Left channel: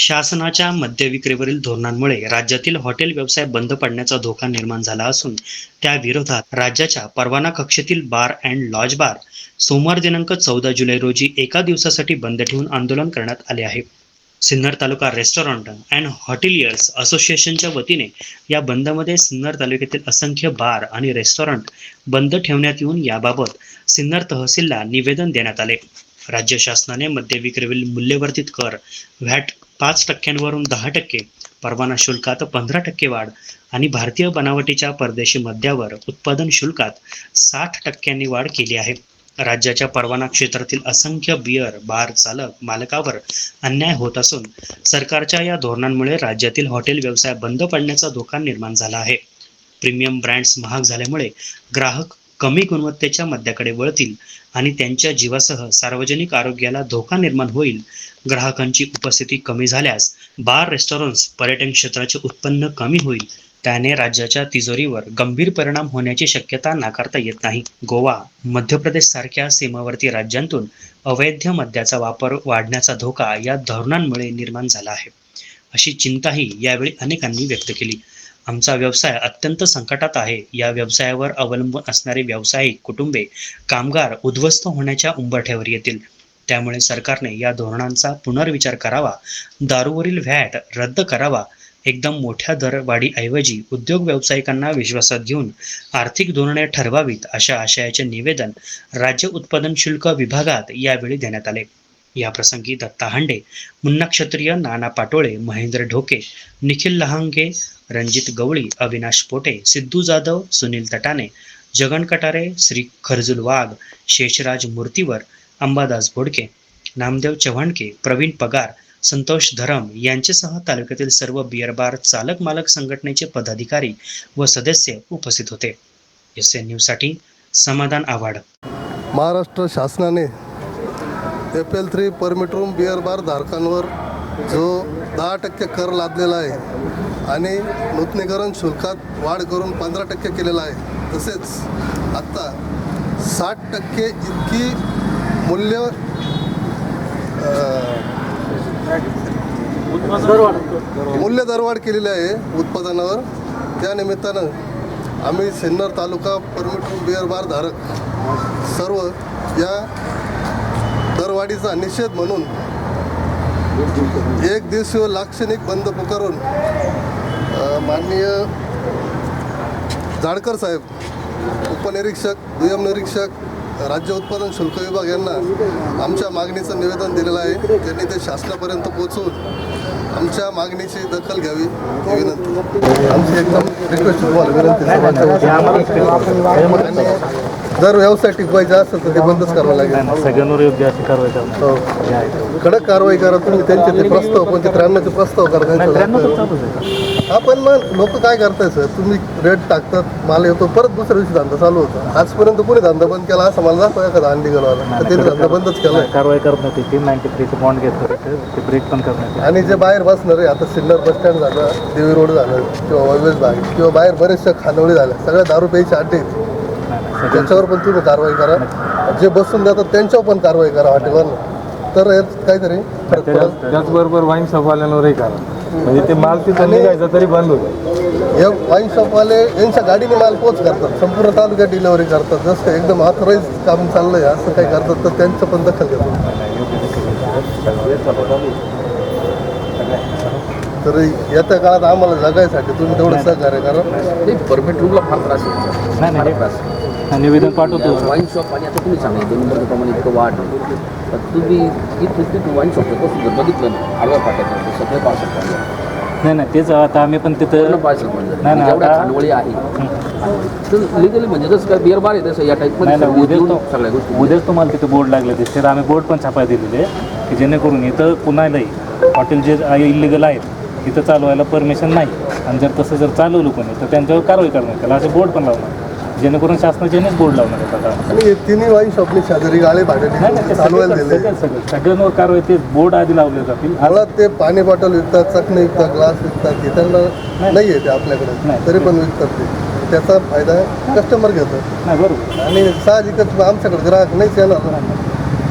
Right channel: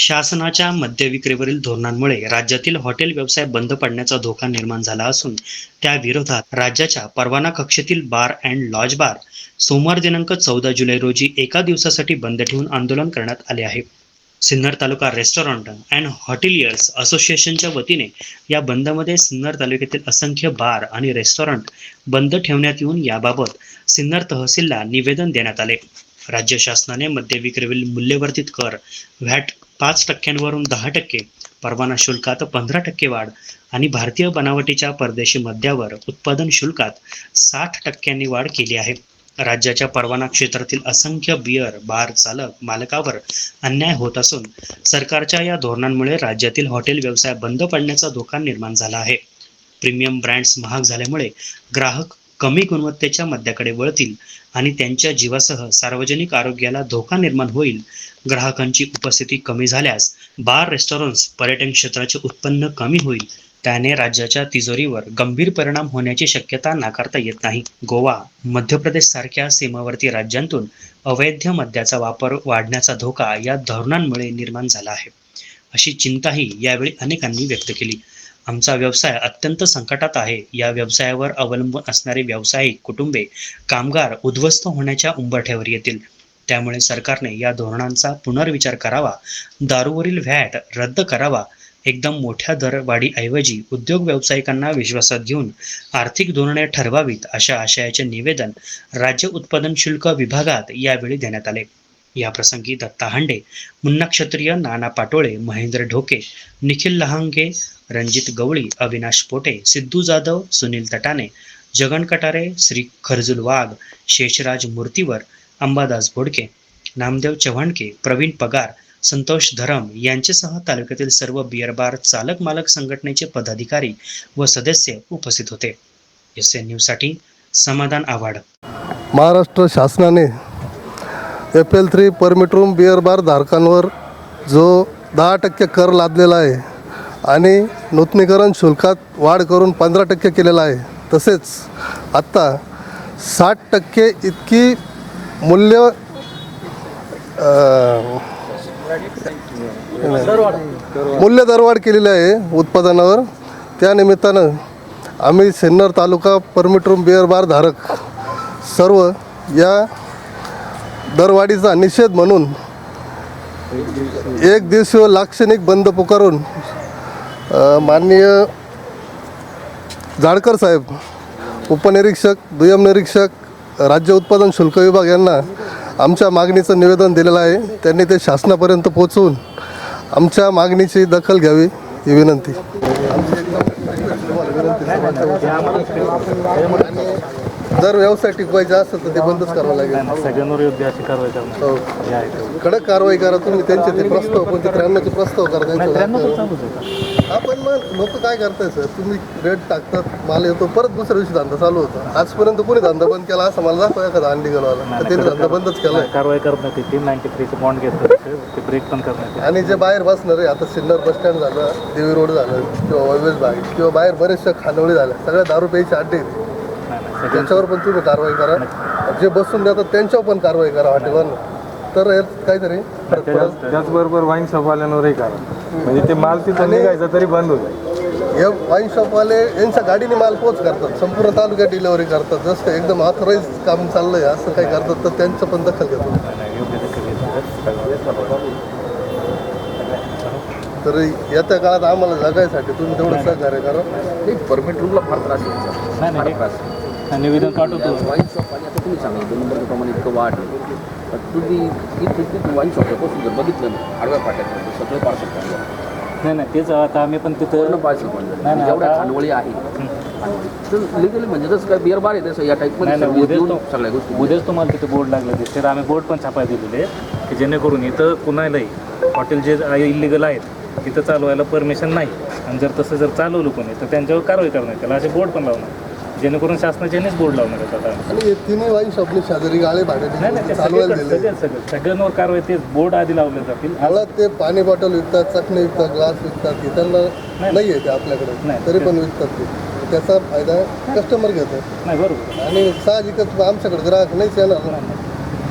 शासनाच्या मद्यविक्रीवरील धोरणांमुळे राज्यातील हॉटेल व्यवसाय बंद पडण्याचा धोका निर्माण झाला असून त्या विरोधात राज्याच्या परवाना कक्षेतील बार अँड लॉज बार सोमवार दिनांक चौदा जुलै रोजी एका दिवसासाठी बंद ठेवून आंदोलन करण्यात आले आहे. Sinnar taluka restaurant and hoteliers असोसिएशनच्या वतीने या बंदमध्ये सिन्नर तालुक्यातील असंख्य बार आणि रेस्टॉरंट बंद ठेवण्यात येऊन याबाबत सिन्नर तहसीलला निवेदन देण्यात आले. राज्य शासनाने मद्य विक्रीवरील मूल्यवर्धित कर व्हॅट पाच टक्क्यांवरून दहा टक्के परवाना शुल्कात पंधरा टक्के वाढ आणि भारतीय बनावटीच्या परदेशी मद्यावर उत्पादन शुल्कात साठ टक्क्यांनी वाढ केली आहे. राज्याच्या परवाना क्षेत्रातील असंख्य बियर बार चालक मालकावर अन्याय होत असून सरकारच्या या धोरणांमुळे राज्यातील हॉटेल व्यवसाय बंद पडण्याचा धोका निर्माण झाला आहे. प्रीमियम ब्रँड्स महाग झाल्यामुळे ग्राहक कमी गुणवत्तेच्या मद्याकडे वळतील आणि त्यांच्या जीवासह सार्वजनिक आरोग्याला धोका निर्माण होईल. ग्राहकांची उपस्थिती कमी झाल्यास बार रेस्टॉरंट्स पर्यटन क्षेत्राचे उत्पन्न कमी होईल. त्याने राज्याच्या तिजोरीवर गंभीर परिणाम होण्याची शक्यता नाकारता येत नाही. गोवा मध्य प्रदेश सारख्या सीमावर्ती राज्यांतून अवैध मद्याचा वापर वाढण्याचा धोका या धोरणांमुळे निर्माण झाला आहे. अशी चिंताही यावेळी अनेकांनी व्यक्त केली. आमचा व्यवसाय अत्यंत संकटात आहे. या व्यवसायावर अवलंबून असणारे व्यावसायिक कुटुंबे कामगार उद्ध्वस्त होण्याच्या उंबरठ्यावर येतील. त्यामुळे सरकारने या धोरणांचा पुनर्विचार करावा दारूवरील व्हॅट रद्द करावा एकदम मोठ्या दरवाढीऐवजी उद्योग व्यावसायिकांना विश्वासात घेऊन आर्थिक धोरणे ठरवावीत अशा आशयाचे निवेदन राज्य उत्पादन शुल्क विभागात यावेळी देण्यात आले. याप्रसंगी दत्ता हांडे मुन्ना क्षत्रिय नाना पाटोळे महेंद्र ढोके निखिल लहांगे रणजित गवळी अविनाश पोटे सिद्धू जाधव सुनील तटाने जगन कटारे श्री खरजुल वाघ शेषराज मूर्तीवर अंबादास बोडके नामदेव चव्हाणके प्रवीण पगार संतोष धरम यांच्यासह तालुक्यातील सर्व बिअर बार चालक मालक संघटनेचे पदाधिकारी व सदस्य उपस्थित होते. एस एन न्यूजसाठी समाधान आव्हाड. महाराष्ट्र शासनाने F L three permit room beer bar धारकांवर जो दहा टक्के कर लादलेला आहे आणि नूतनीकरण शुल्कात वाढ करून पंधरा टक्के केलेला आहे. तसेच आत्ता साठ टक्के इतकी मूल्य मूल्य दरवाढ केलेली आहे उत्पादनावर. त्यानिमित्तानं आम्ही Sinnar taluka permit room beer bar धारक सर्व या दरवाढीचा निषेध म्हणून एक दिवसीय लाक्षणिक बंद पुकारून माननीय जाडकर साहेब उपनिरीक्षक दुय्यम निरीक्षक राज्य उत्पादन शुल्क विभाग यांना आमच्या मागणीचं निवेदन दिलेलं आहे. त्यांनी ते शासनापर्यंत पोहोचवून आमच्या मागणीची दखल घ्यावी ही विनंती. जर व्यवसाय टिकवायचा असेल तर ते बंदच करावं लागेल. सगळ्यांवर योग्य अशी कारवाई करा हो. कडक कारवाई करा तुम्ही त्यांचे ते प्रस्ताव कोणते त्र्याण्णवचे प्रस्ताव करा त्यांच्या हा पण मग लोक काय करताय सर? तुम्ही रेट टाकतात माल येतो परत दुसऱ्या दिवशी धंदा चालू होतो. आजपर्यंत कोणी धंदा बंद केला असं मला दाखवा अंडी गेला तर त्यांनी धंदा बंदच केलाय कारवाई करत नव्हती. ती नाईन्टी थ्रीचे बॉन्ड घेतले ते. ब्रेक पण करत आणि जे बाहेर बसणार आहे आता सिल्लर बस स्टँड झालं देवी रोड झालं किंवा ऑलवेज भाग किंवा बाहेर बरेचशा खानवळी झाल्या सगळ्या दारू प्यायचे अड्डे आहेत. त्यांच्यावर पण तुम्ही कारवाई करा. जे बसून जातात त्यांच्यावर पण कारवाई करा हॉटेलवर. तर काहीतरी. त्याचबरोबर वाईन शॉपवाल्यांवरही काय म्हणजे ते माल तिथं निघायचं तरी बंद होतं. हे वाईन शॉपवाले यांच्या गाडीने माल पोच करतात. संपूर्ण तालुक्यात डिलिव्हरी करतात. जसं एकदम ऑथराईज काम चाललंय असं काही करतात तर त्यांचं पण दखल तर येत्या काळात आम्हाला जगायसाठी तुम्ही थोडं सहकार्य करा. परमिट रूमला फार त्रास नाही नाही. निवेदन पाठवतो. वाईन शॉप आणि आता तुम्ही सांगा दोन वर्षाप्रमाणे इतकं वाढ पण तुम्ही इथं तिथं वाईन पासून जर बघितलं ना आडव्या पाट्यापर्यंत सगळे पार्सल पाहिजे नाही नाही तेच आता आम्ही पण तिथं पार्सल म्हणजे नाही, नाही, आता- खानवळी आहे. तर लिगली म्हणजे जसं काय बिअर बार आहे तसं या नाही टाईपमध्ये नाही उद्याच तो सगळ्या गोष्टी. उद्याच तुम्हाला तिथे बोर्ड लागले दिसते आम्ही बोर्ड पण छापाय दिलेले की जेणेकरून इथं कुणालाही हॉटेल जे इलिगल आहेत तिथं चालवायला परमिशन नाही. आणि जर तसं जर चालवलं कोणी तर त्यांच्यावर कारवाई करण्यात त्याला असे बोर्ड पण लावणार जेणेकरून शासनाच्यानेच बोर्ड लावणार आहेत आता. आणि तिन्ही वाईन शॉपले शेजारी गाळे नाही नाही ते चालवायला सगळं दिले. सगळं सगळं. सगळ्यांवर कारवाई तेच बोर्ड आधी लावले जातील. आज मुळात ते पाणी बॉटल विकतात चकणे विकतात ग्लास विकतात हे त्यांना नाही. आहे ते आपल्याकडे. नाही. तरी पण विकतात ते. त्याचा फायदा कस्टमर घेतात. नाही बरोबर. आणि साहजिकच आमच्याकडे ग्राहक नाहीच येणार. ना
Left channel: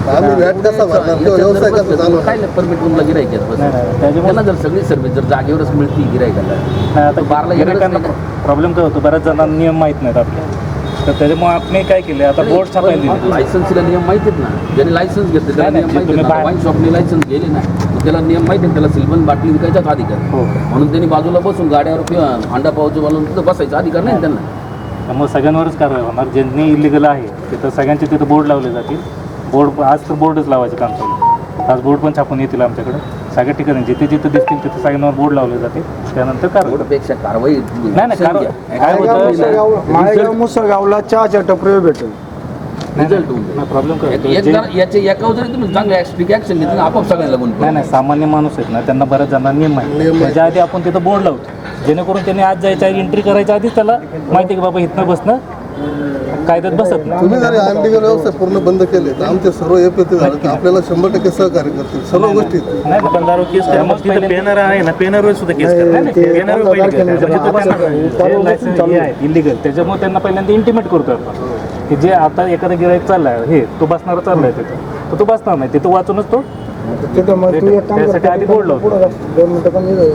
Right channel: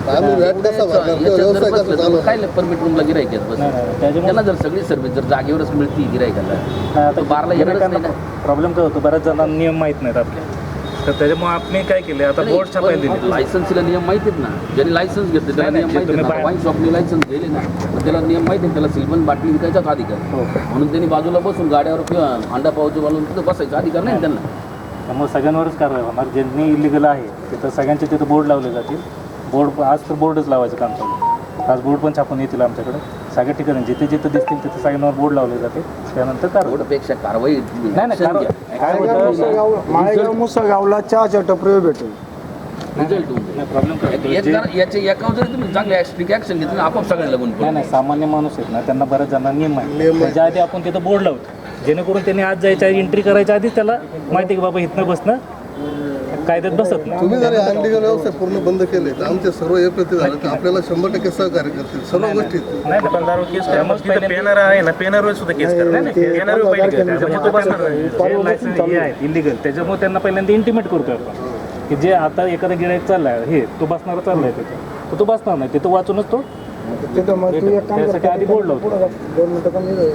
आम्ही व्हॅट कसा भरणार? किंवा व्यवसाय कसा चालवणार काय परमिट म्हणलं गिरायक नाही नाही त्याच्यामुळे मला जर सगळी सर्व्हिस जर जागेवरच मिळतील गिरायकाला नाही आता बारला गिऱ्हाईकांना येणारच प्रॉब्लेम काय होतो? बऱ्याच जणांना नियम माहीत नाहीत आपले. तर त्याच्यामुळे आपण काय केले आता बोर्ड छापायला दिले लायसन्सला नियम माहितीत ना. ज्याने लायसन्स घेतलं त्याला नाही, तुम्ही वाईन शॉपने लायसन्स गेले ना तर त्याला नियम माहिती आहे, त्याला सिल्वन बाटली विकायचाच अधिकार. हो. म्हणून त्यांनी बाजूला बसून गाड्यावर किंवा हांडा पावचे म्हणून तिथं बसायचा अधिकार नाही त्यांना. त्यामुळे सगळ्यांवरच कारवाई होणार. ज्यांनी इलिगल आहे तिथं सगळ्यांचे तिथं बोर्ड लावले जातील. बोर्ड आज तर बोर्डच लावायचे काम चालू आज बोर्ड पण छापून येतील आमच्याकडे. सगळ्या ठिकाणी जिथे जिथे दिसतील तिथे सगळ्यांवर बोर्ड लावले जातील. त्यानंतर कारवाई. कारवाई नाही नाही कारवाई. मुसळगावला चहाच्या टपरीवर भेटेल. सामान्य माणूस आहेत ना त्यांना बऱ्याच जणांना नियम माहिती. त्याच्या आधी आपण तिथं बोर्ड लावतो. जेणेकरून त्यांनी आज जायच्या एंट्री करायच्या आधीच त्याला माहिती आहे की बाबा इथनं बसणं कायद्यात बसत नाही. तुम्ही जरी अनलिगल व्यवसाय पूर्ण बंद केले तर आमचे सर्व एपीती झाले तर आपल्याला शंभर टक्के सहकार्य करतील. सर्व गोष्टी नाही पण दारू केस पेनर आहे ना पेनर सुद्धा केस जे लायसन्स हे आहे इलिगल त्याच्यामुळे त्यांना पहिल्यांदा इंटिमेट करतो आपण की जे आता एखादा गिरायक चाललाय हे तो बसणारा चाललाय तिथं. तर तो बसणार नाही तिथं वाचूनच तो तिथं मग तू एक काम कर त्यासाठी आधी जा. दोन मिनिटं चालू आहे.